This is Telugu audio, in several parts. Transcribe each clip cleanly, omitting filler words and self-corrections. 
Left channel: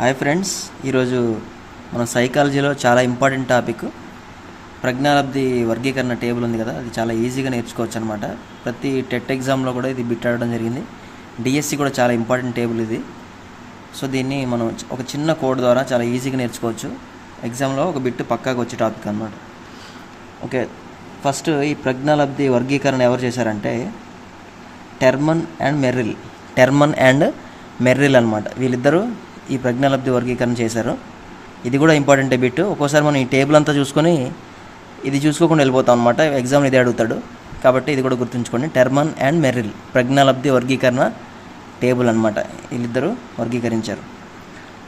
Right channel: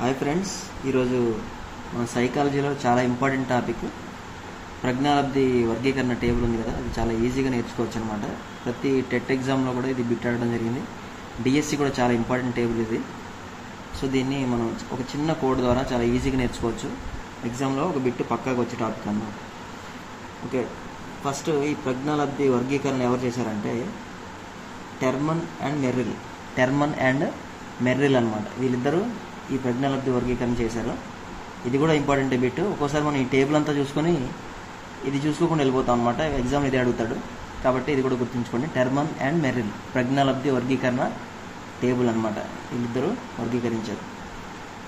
హాయ్ ఫ్రెండ్స్, ఈరోజు మన సైకాలజీలో చాలా ఇంపార్టెంట్ టాపిక్ ప్రజ్ఞాలబ్ధి వర్గీకరణ టేబుల్ ఉంది కదా, అది చాలా ఈజీగా నేర్చుకోవచ్చు అనమాట. ప్రతి టెట్ ఎగ్జామ్లో కూడా ఇది బిట్ ఆడడం జరిగింది. డిఎస్సి కూడా చాలా ఇంపార్టెంట్ టేబుల్ ఇది. సో దీన్ని మనం ఒక చిన్న కోడ్ ద్వారా చాలా ఈజీగా నేర్చుకోవచ్చు. ఎగ్జామ్లో ఒక బిట్ పక్కాగా వచ్చే టాపిక్ అనమాట. ఓకే, ఫస్ట్ ఈ ప్రజ్ఞాలబ్ధి వర్గీకరణ ఎవరు చేశారంటే టెర్మన్ అండ్ మెర్రిల్ అనమాట. వీళ్ళిద్దరూ ఈ ప్రజ్ఞాలబ్ధి వర్గీకరణ చేశారు. ఇది కూడా ఇంపార్టెంట్ బిట్. ఒక్కోసారి మనం ఈ టేబుల్ అంతా చూసుకొని ఇది చూసుకోకుండా వెళ్ళిపోతాం అనమాట. ఎగ్జామ్ ఇదే అడుగుతాడు, కాబట్టి ఇది కూడా గుర్తుంచుకోండి. టెర్మన్ అండ్ మెర్రిల్ ప్రజ్ఞాలబ్ధి వర్గీకరణ టేబుల్ అనమాట. వీళ్ళిద్దరూ వర్గీకరించారు.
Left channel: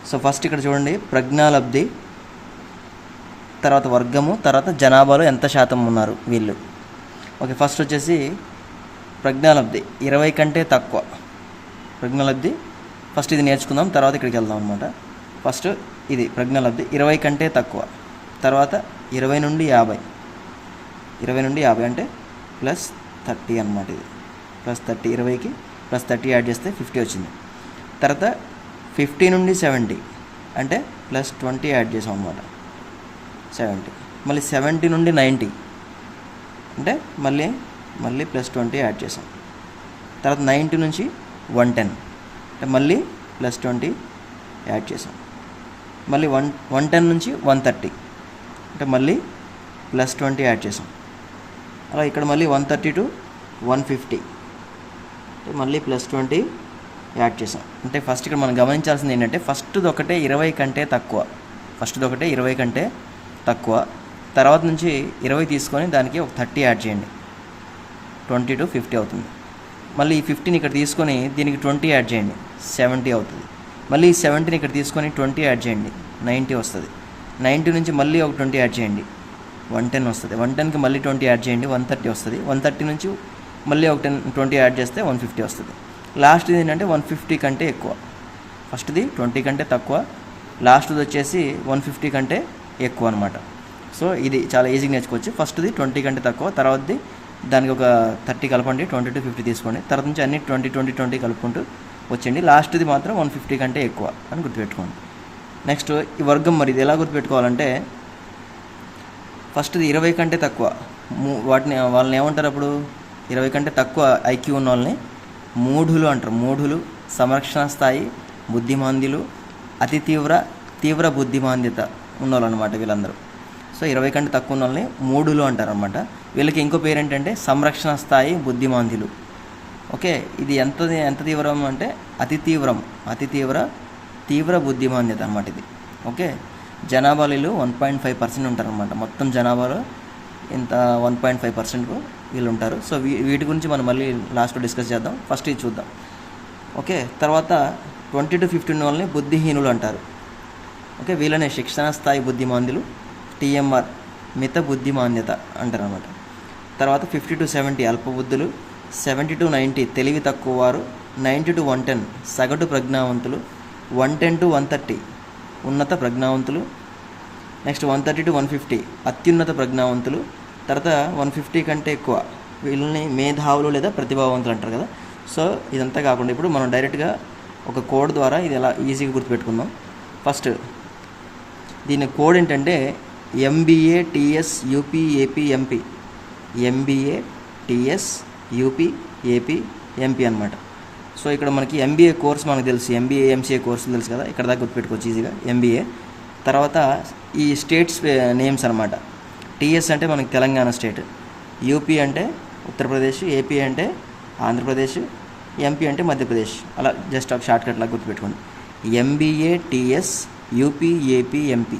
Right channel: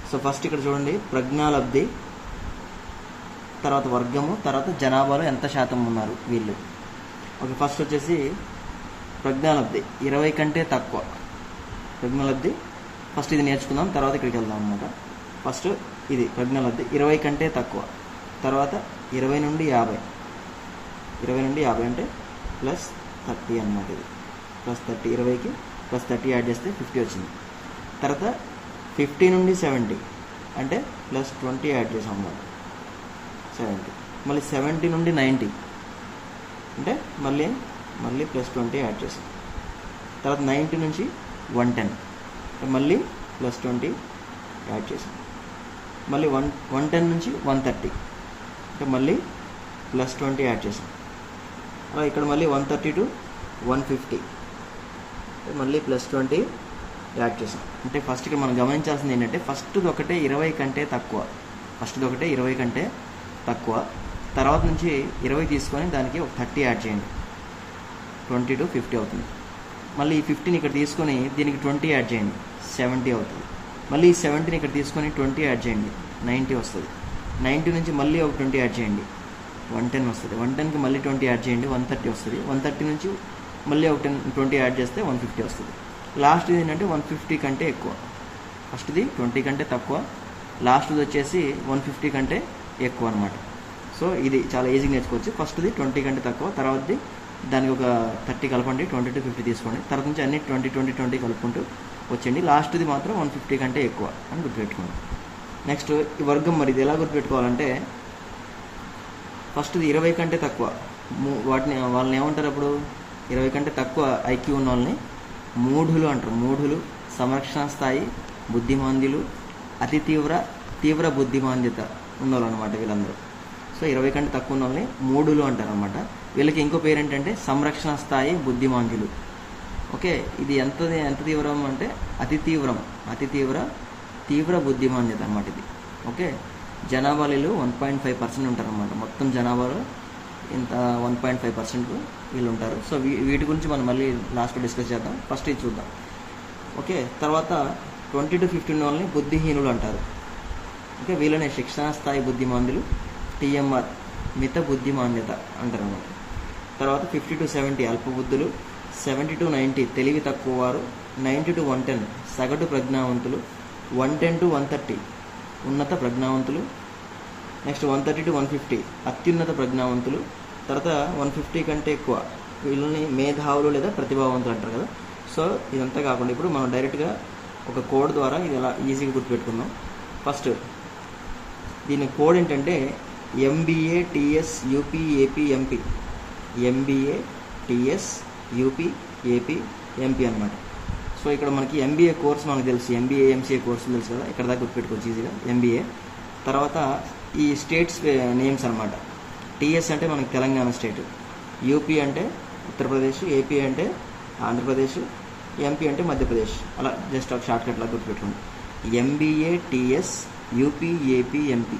సో ఫస్ట్ ఇక్కడ చూడండి, ప్రజ్ఞాలబ్ధి, తర్వాత వర్గము, తర్వాత జనాభాలో ఎంత శాతం ఉన్నారు వీళ్ళు. ఓకే, ఫస్ట్ వచ్చేసి ప్రజ్ఞాలబ్ధి 20 కంటే తక్కువ. ప్రజ్ఞాలబ్ధి ఫస్ట్ ఇది నేర్చుకుందాం, తర్వాత ఇక్కడికి వెళ్దాం అనమాట. ఫస్ట్ ఇది ప్రజ్ఞాలబ్ధి 20 కంటే తక్కువ, తర్వాత 20 నుండి 50. 20 నుండి 50 అంటే +30 అనమాట. ఇది +30, 20కి +30 యాడ్ చేస్తే 50 వచ్చింది. తర్వాత 50 నుండి 70 అంటే +20 యాడ్ చేసాం అనమాట, 70. మళ్ళీ 70 నుండి 90 అంటే మళ్ళీ +20 యాడ్ చేసాం. తర్వాత 90 నుంచి 110 అంటే మళ్ళీ +20 యాడ్ చేసాం. మళ్ళీ 110 నుంచి 130 అంటే మళ్ళీ +20 యాడ్ చేసాం. అలా ఇక్కడ మళ్ళీ 130 టు 150 అంటే మళ్ళీ +20 యాడ్ చేసాం. అంటే ఫస్ట్ ఇక్కడ మనం గమనించాల్సింది ఏంటంటే ఫస్ట్ది ఒకటే 20 కంటే తక్కువ. తర్వాత నుంచి 20 తీసుకొని దానికి ఒక 30 యాడ్ చేయండి, 20 to 50 అవుతుంది. మళ్ళీ ఈ 50ని ఇక్కడ తీసుకొని దీనికి 20 యాడ్ చేయండి, 70 అవుతుంది. మళ్ళీ ఈ 70ని ఇక్కడ తీసుకొని 20 యాడ్ చేయండి, 90 వస్తుంది. 90 నుంచి మళ్ళీ ఒక 20 యాడ్ చేయండి, 110 వస్తుంది. 110కి మళ్ళీ 20 యాడ్ చేయండి, 130 వస్తుంది. 130 నుంచి మళ్ళీ ఒక 20 యాడ్ చేస్తే 150 వస్తుంది. లాస్ట్ది ఏంటంటే 150 కంటే ఎక్కువ. ఫస్ట్ది 20 కంటే తక్కువ, లాస్ట్ది వచ్చేసి 150 కంటే ఎక్కువ అనమాట. సో ఇది చాలా ఈజీగా నేర్చుకోవచ్చు. ఫస్ట్ది 20 కంటే తక్కువ, తర్వాతది దానికి ఒక 30 కలపండి, 20 to 50 తీసుకోండి. తర్వాత నుంచి అన్ని 20 కలుపుకుంటూ వచ్చేయండి. లాస్ట్ది మాత్రం 150 కంటే ఎక్కువ అని గుర్తుపెట్టుకోండి. నెక్స్ట్ ఈ వర్గం, మరి ఇది ఎలా గుర్తుపెట్టుకోవాలంటే ఫస్ట్ది 20 కంటే తక్కువ, వాళ్ళని ఏమంటారు అప్పుడు? 20 కంటే తక్కువ ఐక్యూ ఉన్న వాళ్ళని మూఢులు అంటారు. మూఢులు, సంరక్షణ స్థాయి బుద్ధిమాంద్యులు, అతి తీవ్ర బుద్ధిమాంద్యత ఉన్నవాళ్ళు అనమాట వీళ్ళందరూ. సో 20 కంటే తక్కువ ఉన్న వాళ్ళని మూఢులు అంటారు అనమాట. వీళ్ళకి ఇంకో పేరు ఏంటంటే సంరక్షణ స్థాయి బుద్ధిమాంద్యులు. ఓకే, ఇది ఎంత తీవ్రం అంటే అతి తీవ్ర బుద్ధిమాంద్యత అనమాట ఇది. ఓకే, జనాభాలో 1.5% ఉంటారు అనమాట. మొత్తం జనాభాలో ఇంత 1.5% వీళ్ళు ఉంటారు. సో వీటి గురించి మనం మళ్ళీ లాస్ట్లో డిస్కస్ చేద్దాం. ఫస్ట్ ఇది చూద్దాం. ఓకే, తర్వాత 20 to 50 వాళ్ళని బుద్ధిహీనులు అంటారు. ఓకే, వీళ్ళనే శిక్షణ స్థాయి బుద్ధిమాంద్యులు, TMR మిత బుద్ధిమాన్యత అంటారు అన్నమాట. తర్వాత 50 to 70 అల్పబుద్ధులు, 70 to 90 తెలివి తక్కువ వారు, 90 to 110 సగటు ప్రజ్ఞావంతులు, 110 to 130 ఉన్నత ప్రజ్ఞావంతులు. నెక్స్ట్ 130 to 150 అత్యున్నత ప్రజ్ఞావంతులు. తర్వాత 150 కంటే ఎక్కువ వీళ్ళని మేధావులు లేదా ప్రతిభావంతులు అంటారు కదా. సో ఇదంతా కాకుండా ఇప్పుడు మనం డైరెక్ట్గా ఒక కోడ్ ద్వారా ఇది ఎలా ఈజీగా గుర్తుపెట్టుకుందాం. ఫస్ట్ దీని కోడ్ ఏంటంటే MBA TS UP AP MP, MBA TS UP AP MP అనమాట. సో ఇక్కడ మనకి MBA కోర్స్ మనకు తెలుసు, MBA MCA కోర్సు తెలుసు కదా, ఇక్కడ దాకా గుర్తుపెట్టుకోవచ్చు ఈజీగా MBA. తర్వాత ఈ స్టేట్స్ నేమ్స్ అనమాట. TS అంటే మనకి తెలంగాణ స్టేట్, UP అంటే ఉత్తరప్రదేశ్, AP అంటే ఆంధ్రప్రదేశ్, MP అంటే మధ్యప్రదేశ్. అలా జస్ట్ ఒక షార్ట్ కట్ లాగా గుర్తుపెట్టుకోండి. MBA TS UP AP MP,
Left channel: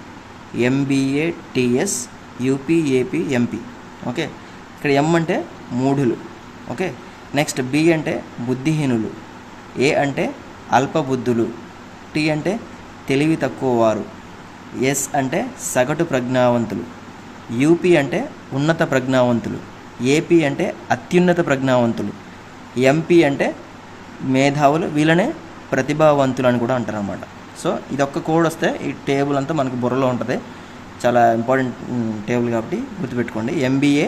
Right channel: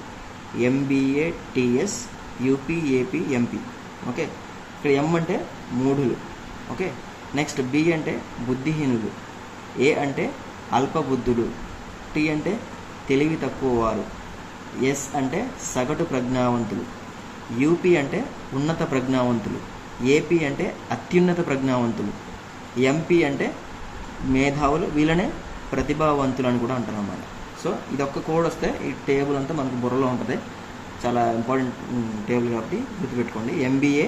MBA TS UP AP MP. Okay, ఇక్కడ M అంటే మూఢులు. ఓకే, నెక్స్ట్ B అంటే బుద్ధిహీనులు, A అంటే అల్పబుద్ధులు, T అంటే తెలివి తక్కువ వారు, S అంటే సగటు ప్రజ్ఞావంతులు, UP అంటే ఉన్నత ప్రజ్ఞావంతులు, AP అంటే అత్యున్నత ప్రజ్ఞావంతులు, MP అంటే మేధావులు, వీళ్ళనే ప్రతిభావంతులు అని కూడా అంటారు అన్నమాట. సో ఇదొక్క కోడ్ వస్తే ఈ టేబుల్ అంతా మనకు బుర్రలో ఉంటుంది. చాలా ఇంపార్టెంట్ టేబుల్ కాబట్టి గుర్తుపెట్టుకోండి. MBA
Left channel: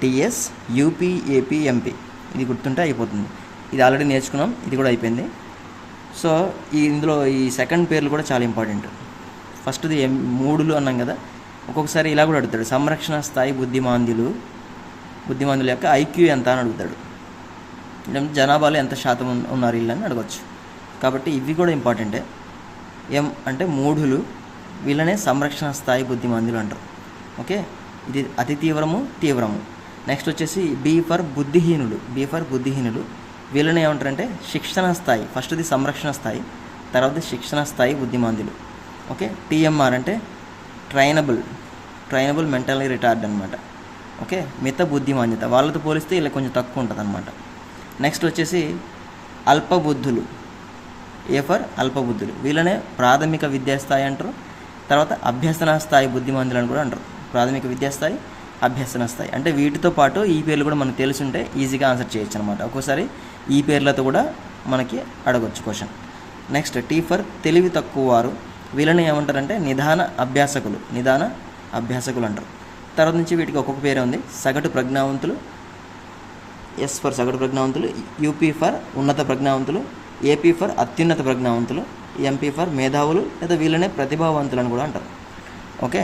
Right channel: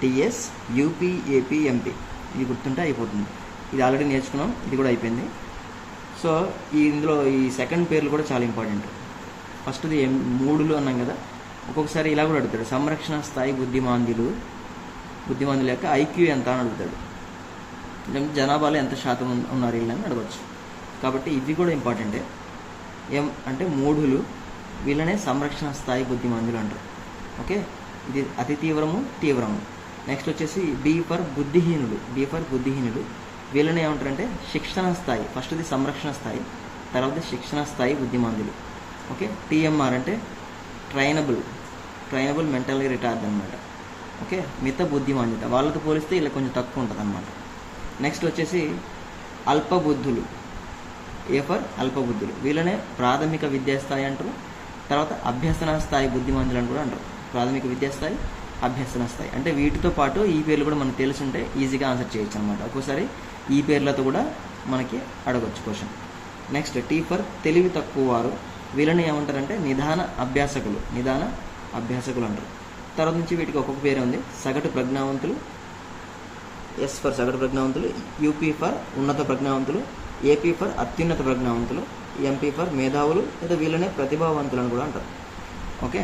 TS UP AP MP ఇది గుర్తుంటే అయిపోతుంది. ఇది ఆల్రెడీ నేర్చుకున్నాం, ఇది కూడా అయిపోయింది. సో ఇందులో ఈ సెకండ్ పేర్లు కూడా చాలా ఇంపార్టెంట్. ఫస్ట్ది 3 అన్నాం కదా, ఒక్కొక్కసారి ఇలా కూడా అడుగుతాడు, సంరక్షణ స్థాయి బుద్ధిమాంద్యుల యొక్క ఐక్యూ ఎంత అని అడుగుతాడు. జనాభాలో ఎంత శాతం ఉన్నారు వీళ్ళని అడగచ్చు. కాబట్టి ఇవి కూడా ఇంపార్టెంటే. ఎం అంటే 3 వీళ్ళనే సంరక్షణ స్థాయి బుద్ధిమాంద్యులు అంటారు. ఓకే, ఇది అతి తీవ్రము. నెక్స్ట్ వచ్చేసి బి ఫర్ బుద్ధిహీనులు. వీళ్ళని ఏమంటారంటే శిక్షణ స్థాయి. ఫస్ట్ది సంరక్షణ స్థాయి, తర్వాత శిక్షణ స్థాయి బుద్ధిమాంద్యులు. ఓకే, టీఎంఆర్ అంటే ట్రైనబుల్ మెంటల్లీ రిటార్డ్ అనమాట. ఓకే, మిత బుద్ధిమాంద్యత, వాళ్ళతో పోలిస్తే ఇలా కొంచెం తక్కువ ఉంటుంది అనమాట. నెక్స్ట్ వచ్చేసి అల్పబుద్ధులు. A for అల్పబుద్ధులు. వీళ్ళనే ప్రాథమిక విద్యాస్థాయి అంటారు. తర్వాత అభ్యసన స్థాయి బుద్ధిమాంద్యులు అని కూడా అంటారు. ప్రాథమిక విద్యాస్థాయి, అభ్యసన స్థాయి. అంటే వీటితో పాటు ఈ పేర్లు కూడా మనకు తెలుసుంటే ఈజీగా ఆన్సర్ చేయొచ్చు అనమాట. ఒక్కోసారి ఈ పేర్లతో కూడా మనకి అడగొచ్చు క్వశ్చన్. నెక్స్ట్ టీ ఫర్ తెలివి తక్కువ వారు. వీళ్ళని ఏమంటారంటే నిదాన అభ్యాసకులు అంటారు. తర్వాత నుంచి వీటికి ఒక్కొక్క పేరే ఉంది. సగటు ప్రజ్ఞావంతులు, ఎస్ ఫర్ సగటు ప్రజ్ఞావంతులు, యూపీ ఫర్ ఉన్నత ప్రజ్ఞావంతులు, ఏపీ ఫర్ అత్యున్నత ప్రజ్ఞావంతులు, ఎంపీ ఫర్ మేధావులు లేదా వీళ్ళనే ప్రతిభావంతులు అని కూడా అంటారు. ఓకే,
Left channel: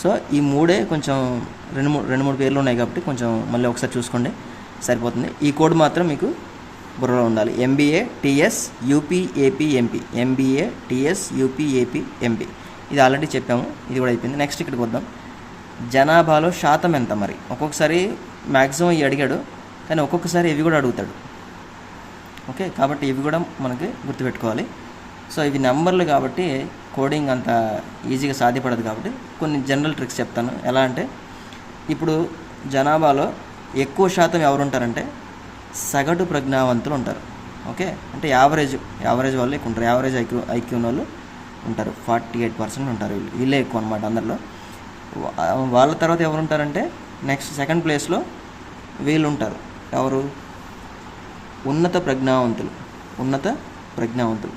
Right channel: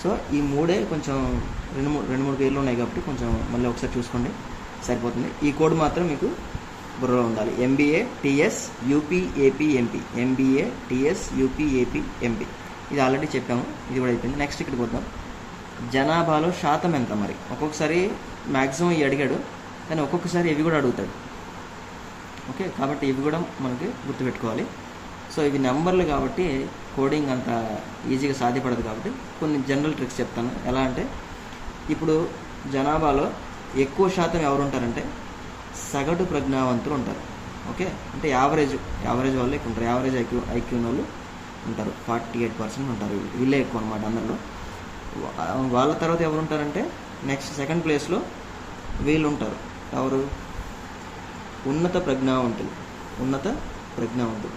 సో ఈ 3 కొంచెం రెండు మూడు పేర్లు ఉన్నాయి కాబట్టి కొంచెం మళ్ళీ ఒకసారి చూసుకోండి, సరిపోతుంది. ఈ కోడ్ మాత్రం మీకు బుర్రలో ఉండాలి. MBA TS UP AP MP, MBA TS UP AP MP. ఇది ఆల్రెడీ చెప్పాము, ఇది కూడా అయిపోయింది. నెక్స్ట్ ఇక్కడికి వద్దాం. జనాభాలో శాతం ఎంత మరి? ఒక్కొక్కసారి మ్యాక్సిమం ఇవి అడిగాడు, కానీ ఒక్కొక్కసారి ఇవి కూడా అడుగుతాడు. ఓకే, కాబట్టి ఇవి కూడా మనకి గుర్తుపెట్టుకోవాలి. సో ఇవి నెంబర్లు కాబట్టి కోడింగ్ అంత ఈజీగా సాధ్యపడదు. కాబట్టి కొన్ని జనరల్ ట్రిక్స్ చెప్తాను. ఎలా అంటే, ఇప్పుడు జనాభాలో ఎక్కువ శాతం ఎవరు ఉంటారంటే సగటు ప్రజ్ఞావంతులు ఉంటారు. ఓకే, అంటే యావరేజ్ వాళ్ళు ఎక్కువ ఉంటారు. యావరేజ్ ఐక్యూ ఉన్న వాళ్ళు ఉంటారు. 48% ఉంటారు. వీళ్ళే ఎక్కువ అనమాట అందరిలో. వాళ్ళ తర్వాత ఎవరు ఉంటారంటే నెక్స్ట్ సెకండ్ ప్లేస్లో వీళ్ళు ఉంటారు. ఎవరు? ఉన్నత ప్రజ్ఞావంతులు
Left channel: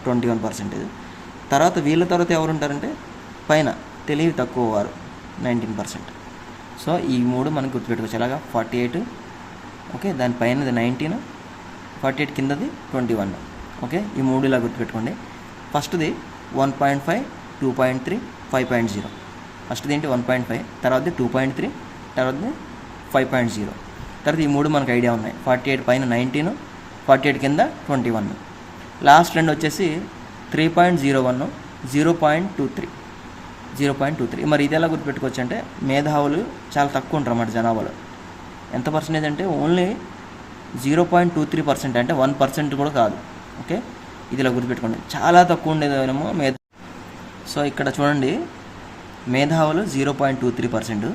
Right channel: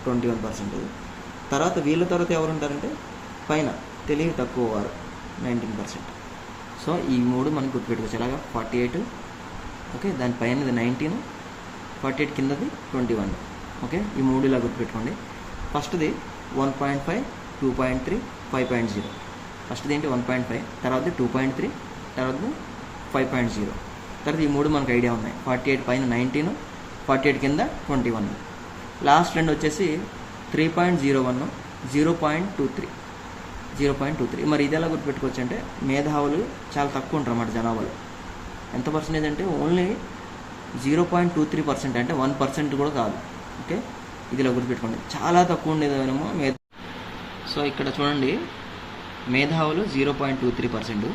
21%. తర్వాత వీళ్ళ తర్వాత ఎవరు ఉంటారంటే పైన తెలివి తక్కువ వారు 19%. సో ఈ 3 మనకు గుర్తుపెట్టుకోవచ్చు. అలాగా 48, ఓకే, దానిపైనది 19, 48 కిందది 21. ఓకే, ఈ 3 ఇలా గుర్తుపెట్టుకోండి. ఫస్ట్ది 1.5, 2.3, 5.0. ఫస్ట్ది ఏంటి 1.5, తర్వాతది 2.3, తర్వాతది 5.0. తర్వాత ఈ 3 మనకు ఐడియా ఉన్నాయి. 48 పైన 19, 48 కింద 21. లాస్ట్ రెండు వచ్చేసి 3.01, 0.23. మరి ఇది ఎలా గుర్తుపెట్టుకోవచ్చు అంటే మేధావులు చాలా తక్కువ ఉంటారు అన్నమాట జనాభాలో. ఎంత పర్సెంటేజ్ అంటే ఓన్లీ 0.23%, అంటే 1% కూడా కాదు. ఓకే, ఇది ఇలా గుర్తుపెట్టుకోండి. చాలా తక్కువ ఉండేదేమో సో ఇక్కడ చూడండి, మేధావులు 0.23%,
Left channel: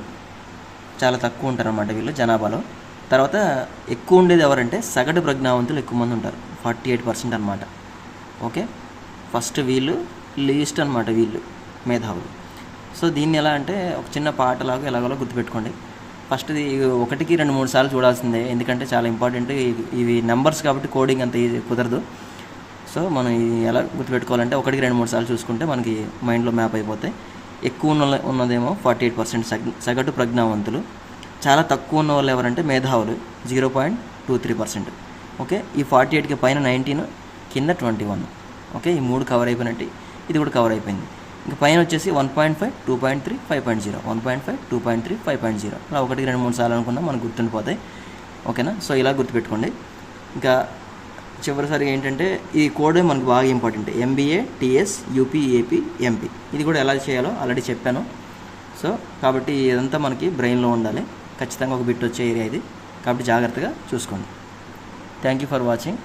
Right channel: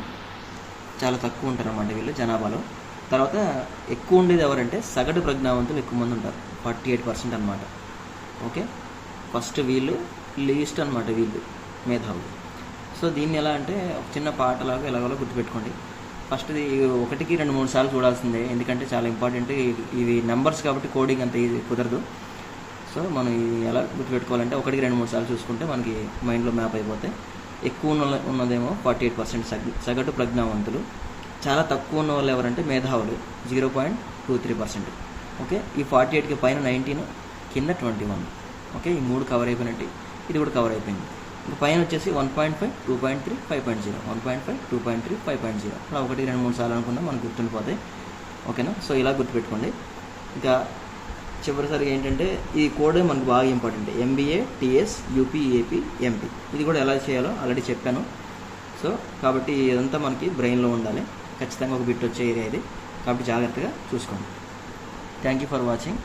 చాలా తక్కువ ఉంటారు అన్నమాట వీళ్ళు జనాభాలో. తర్వాత ఎక్కువ ఉండేది ఎవరంటే సగటు ప్రజ్ఞావంతులు ఎక్కువ మంది ఉంటారు, 48% అనమాట. ఓకే, ఫస్ట్ వీళ్ళు లీస్ట్ అనమాట, వీళ్ళు మేధావులు. సో దీన్ని ఎలా అంటే ఒక చిన్న పాటలాగా ఎలాగో గుర్తుపెట్టుకోండి. ఫస్ట్ది 1కి 2-3 సార్లు చూడాల్సిందే, ఎందుకంటే చాలా ఇంపార్టెంట్. ఇవి నెంబర్స్ కాబట్టి కోడింగ్ అంత ఈజీ కుదరదు. సో మనం ఇది ఎలా గుర్తుపెట్టుకోవాలంటే 1కి 2-3 సార్లు చూసుకుంటే మనకి మైండ్లో మ్యాప్ అయిపోతాయి. ఎక్కువ ఉన్నదేమో 48% సగటు ప్రజ్ఞావంతులు. చాలా తక్కువ ఉన్న వాళ్ళు ఎవరంటే మేధావులు 0.23%. ఓకే, ఈ 48కి పైన 19, కింద 21. ఓకే, ఈ 3 కవర్ అయిపోయినట్టు, ఇది కూడా కవర్ అయిపోయింది. ఇంకా పైన వచ్చేసి 1.5, 2.3, 5.0, 1.5, 2.3, 5.0. అలా 1కి 2-3 సార్లు అనుకున్నా మనకు గుర్తుండిపోతాయి. ఓకేనా, సో ఇలా గుర్తుపెట్టుకోండి. ఇంకా చివరిసారి ఏంటంటే ఈ కోడ్ మనకు బాగా important. MBA TS UP AP MP, ఇది కూడా ఎలా చేయాలో ఆల్రెడీ చెప్పాను. సో కాబట్టి ఇదంతా మనకి బ్రెయిన్లో ఉండాలి. ఖచ్చితంగా ఒక బిట్ వచ్చే ఏరియా ఇది, కాబట్టి జాగ్రత్తగా చూసుకోండి. Thank you for watching.